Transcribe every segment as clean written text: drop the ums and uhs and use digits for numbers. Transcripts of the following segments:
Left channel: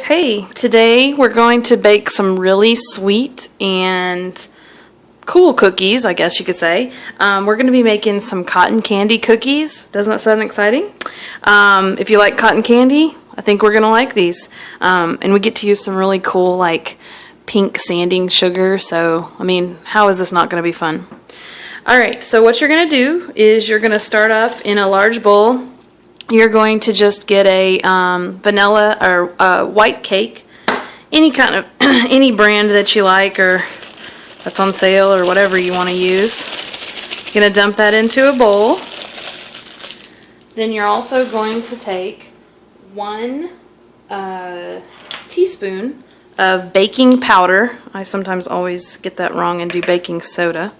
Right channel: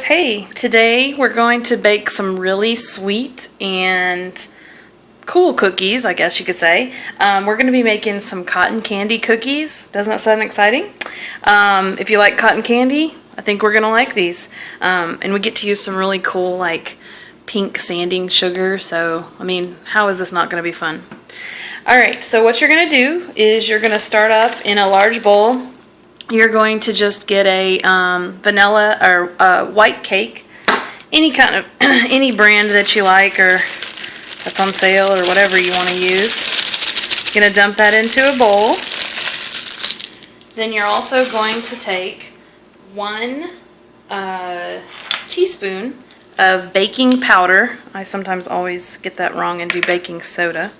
guys, hey, today we're going to bake some really sweet and cool cookies, I guess you could say. We're going to be making some cotton candy cookies. Doesn't that sound exciting? If you like cotton candy, I think we're going to like these. And we get to use some really cool like pink sanding sugar, so I mean, how is this not going to be fun? Alright, so what you're going to do is you're going to start up in a large bowl. You're going to just get a vanilla or white cake, any kind of any brand that you like or that's on sale or whatever you want to use. You're going to dump that into a bowl. Then you're also going to take 1 teaspoon of baking powder. I sometimes always get that wrong and do baking soda.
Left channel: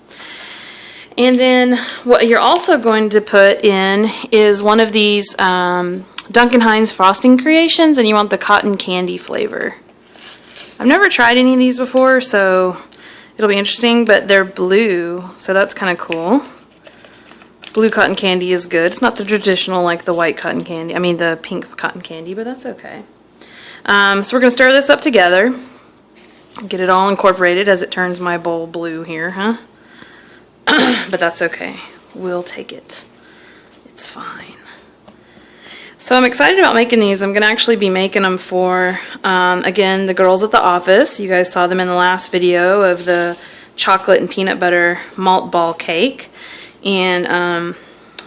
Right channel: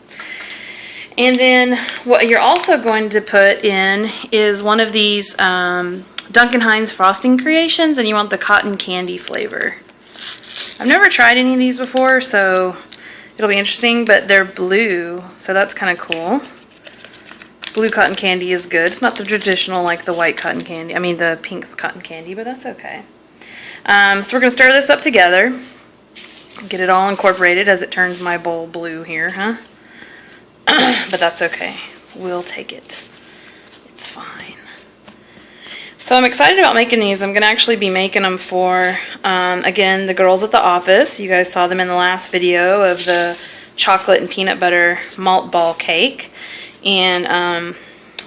And then what you're also going to put in is one of these Duncan Hines frosting creations, and you want the cotton candy flavor. I've never tried any of these before, so it'll be interesting, but they're blue, so that's kind of cool. Blue cotton candy is good. It's not the traditional like the white cotton candy, I mean the pink cotton candy, but that's okay. So we're going to stir this up together, get it all incorporated as it turns my bowl blue here, huh? But that's okay. We'll take it. It's fine. So I'm excited about making these. I'm going to actually be making them for, again, the girls at the office. You guys saw them in the last video of the chocolate and peanut butter malt ball cake. And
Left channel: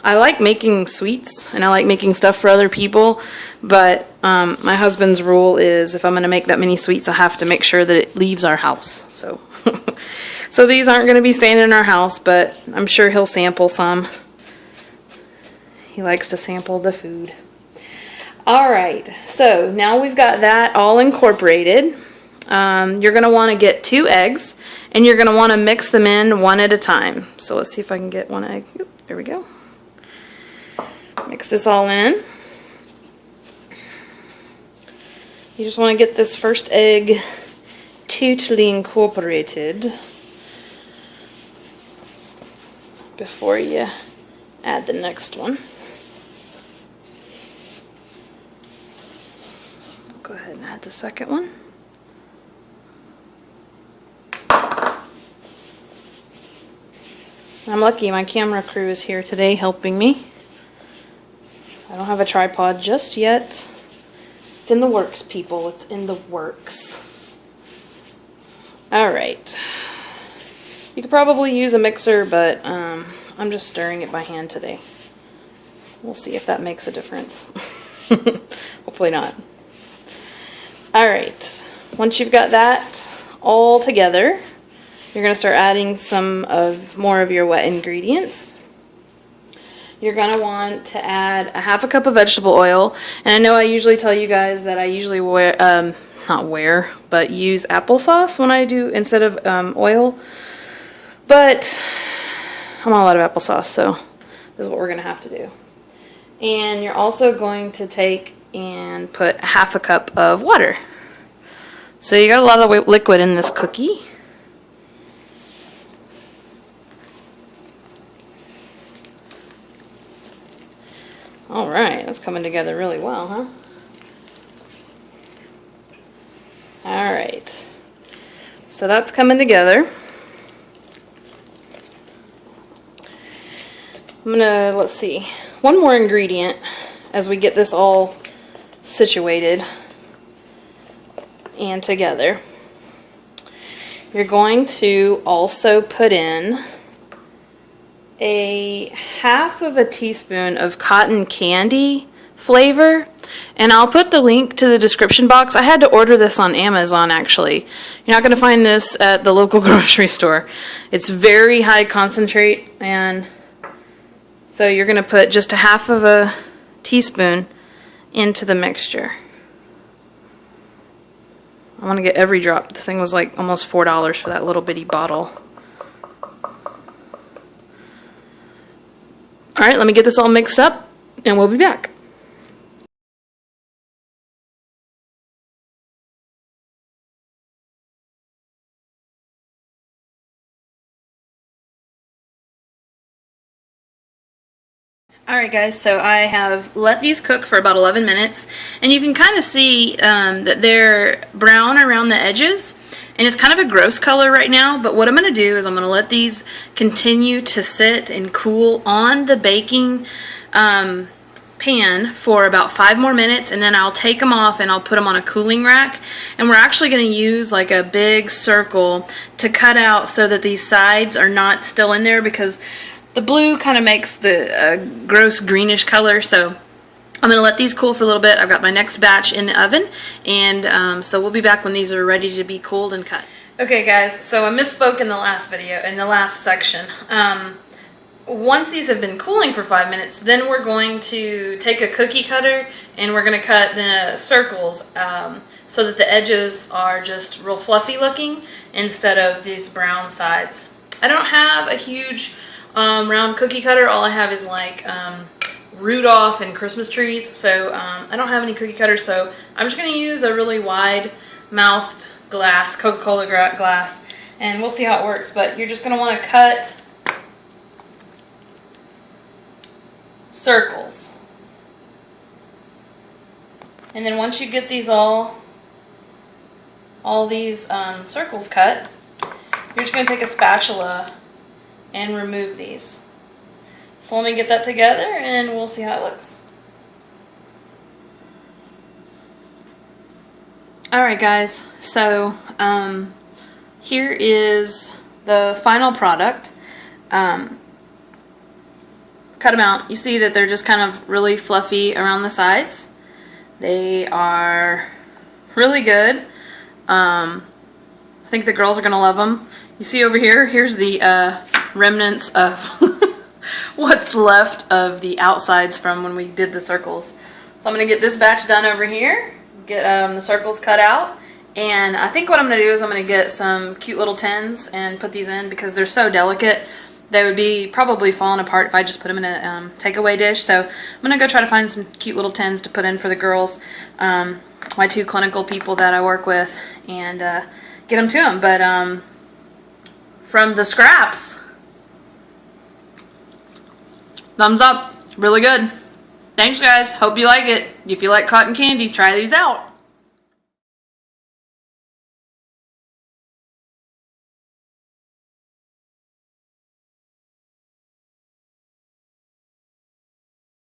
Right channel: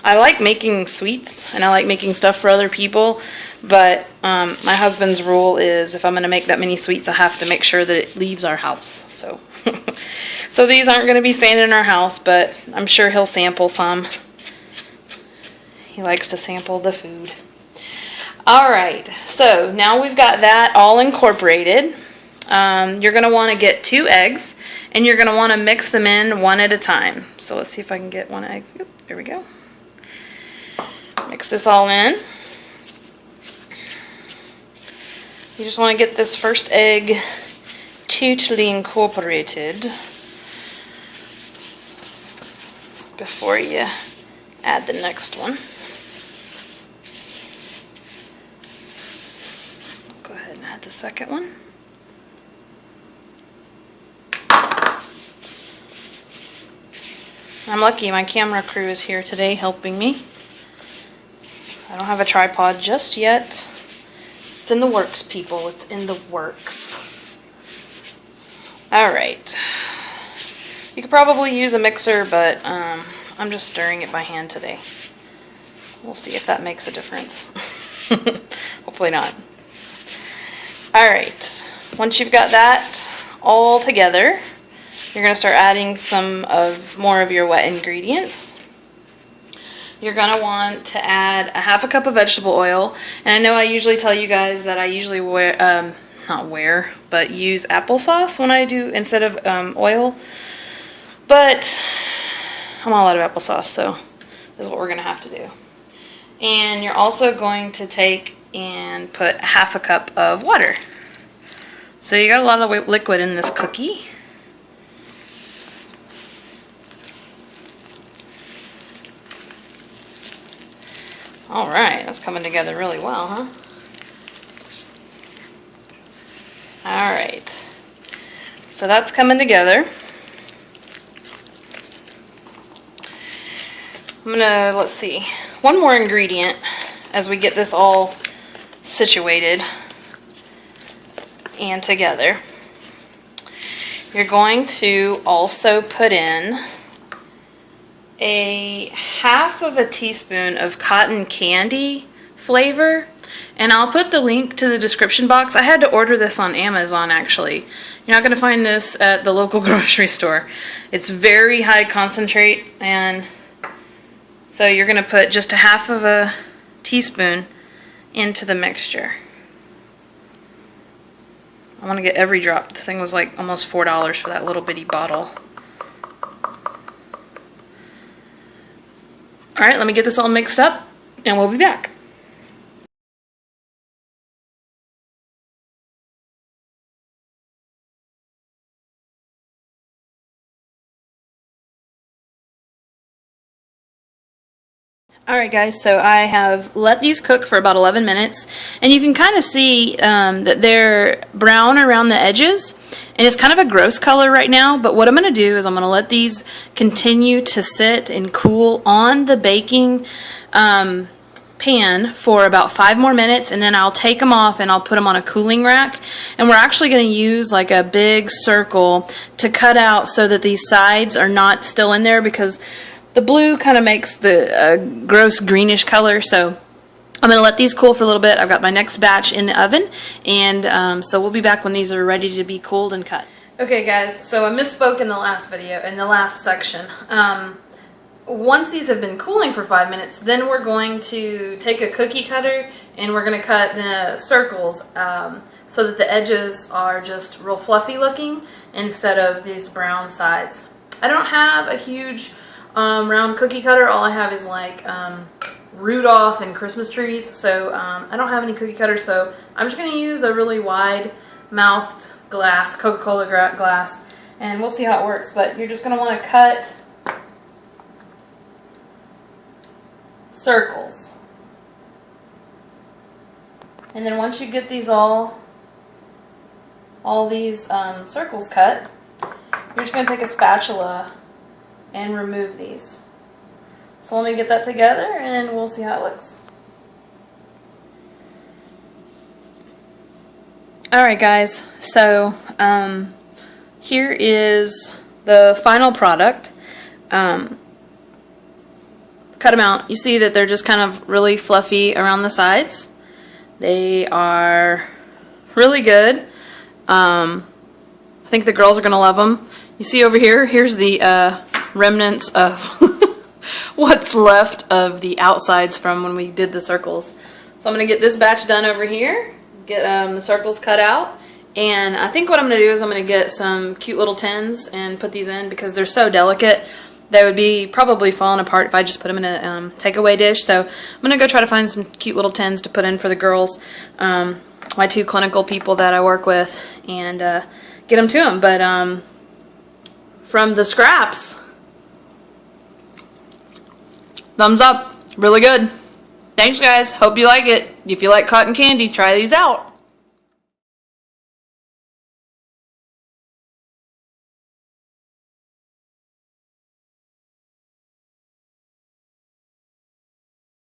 I like making sweets, and I like making stuff for other people. But my husband's rule is if I'm going to make that many sweets, I have to make sure that it leaves our house. So... So these aren't going to be staying in our house, but I'm sure he'll sample some. He likes to sample the food. Alright, so now we've got that all incorporated. You're going to want to get 2 eggs, and you're going to want to mix them in one at a time. So let's see if I can get 1 egg. Oop, there we go. Mix this all in. You just want to get this first egg totally incorporated before you add the next one. Go ahead and add the second one. I'm lucky my camera crew is here today helping me. I don't have a tripod just yet. It's in the works, people. It's in the works. Alright. You could probably use a mixer, but I'm just stirring it by hand today. We'll see if that makes a difference. Hopefully not. Alright, once you've got that all together, you're going to start adding more of your wet ingredients. You're going to want to add a 1/2 cup of vegetable oil. And I know I usually tell you guys that I usually use applesauce when I do instead of oil. But I'm all out of applesauce, so this is what we're going to have to do. And you're also going to take and put 1/2 cup of water. So you got a lot of liquid in this cookie. Alright, that's coming together really well, huh? Alright, so that's coming together. I'm gonna, let's see, one more ingredient as we get this all situated and together. You're going to also put in a 1/2 teaspoon of cotton candy flavor, and I'll put the link to the description box. I had to order this on Amazon actually. You're not going to find this at the local grocery store. It's very high concentrate, and so you're going to put just a 1/2 teaspoon into the mixture. I want to get every drop. This thing was like almost $4 for that little bitty bottle. Alright, let me get this all mixed up and we'll be back. Alright guys, so I have let these cook for about 11 minutes, and you can kind of see that they're brown around the edges, and it's kind of a gross color right now, but what I'm going to do is I'm going to let these continue to sit and cool on the baking pan for about 5 more minutes, and then I'll take them off and I'll put them on a cooling rack. And we're actually going to use like a big circle to cut out so that these sides are not still in there, because the blue kind of makes the gross greenish color. So I'm going to let these cool for a little bit. I've got my next batch in the oven, and so we'll be back when these are ready to be cooled and cut. Okay guys, so I misspoke in the last video, in the last section. Once these have been cooling for 5 minutes, then we're going to take a cookie cutter and we're going to cut the circles so that the edges are just real fluffy looking instead of these brown sides. I don't have a huge round cookie cutter. All I have is like Rudolph and Christmas trees, so I don't have any cookie cutters, so I'm just going to use a really wide mouthed glass, Coca-Cola glass, and we'll see how it works. But you're just going to want to cut circles, and then once you get these all these circles cut, you're just going to take a spatula and remove these. So let me get that together and we'll see how it looks. Alright guys, so here is the final product. Cut them out. You see that they're just kind of really fluffy around the sides. They are really good. I think the girls are going to love them. You see over here, here's the remnants of what's left of the outsides from when we did the circles. So I'm going to get this batch done over here, get the circles cut out, and I think what I'm going to do is I'm going to get some cute little tins and put these in because they're so delicate. They would be probably falling apart if I just put them in a takeaway dish. So I'm going to go try to find some cute little tins to put in for the girls, my 2 clinical people that I work with, and get them to them. But from the scraps, thumbs up. Really good. Thanks guys. Hope you like it. If you like cotton candy, try these out.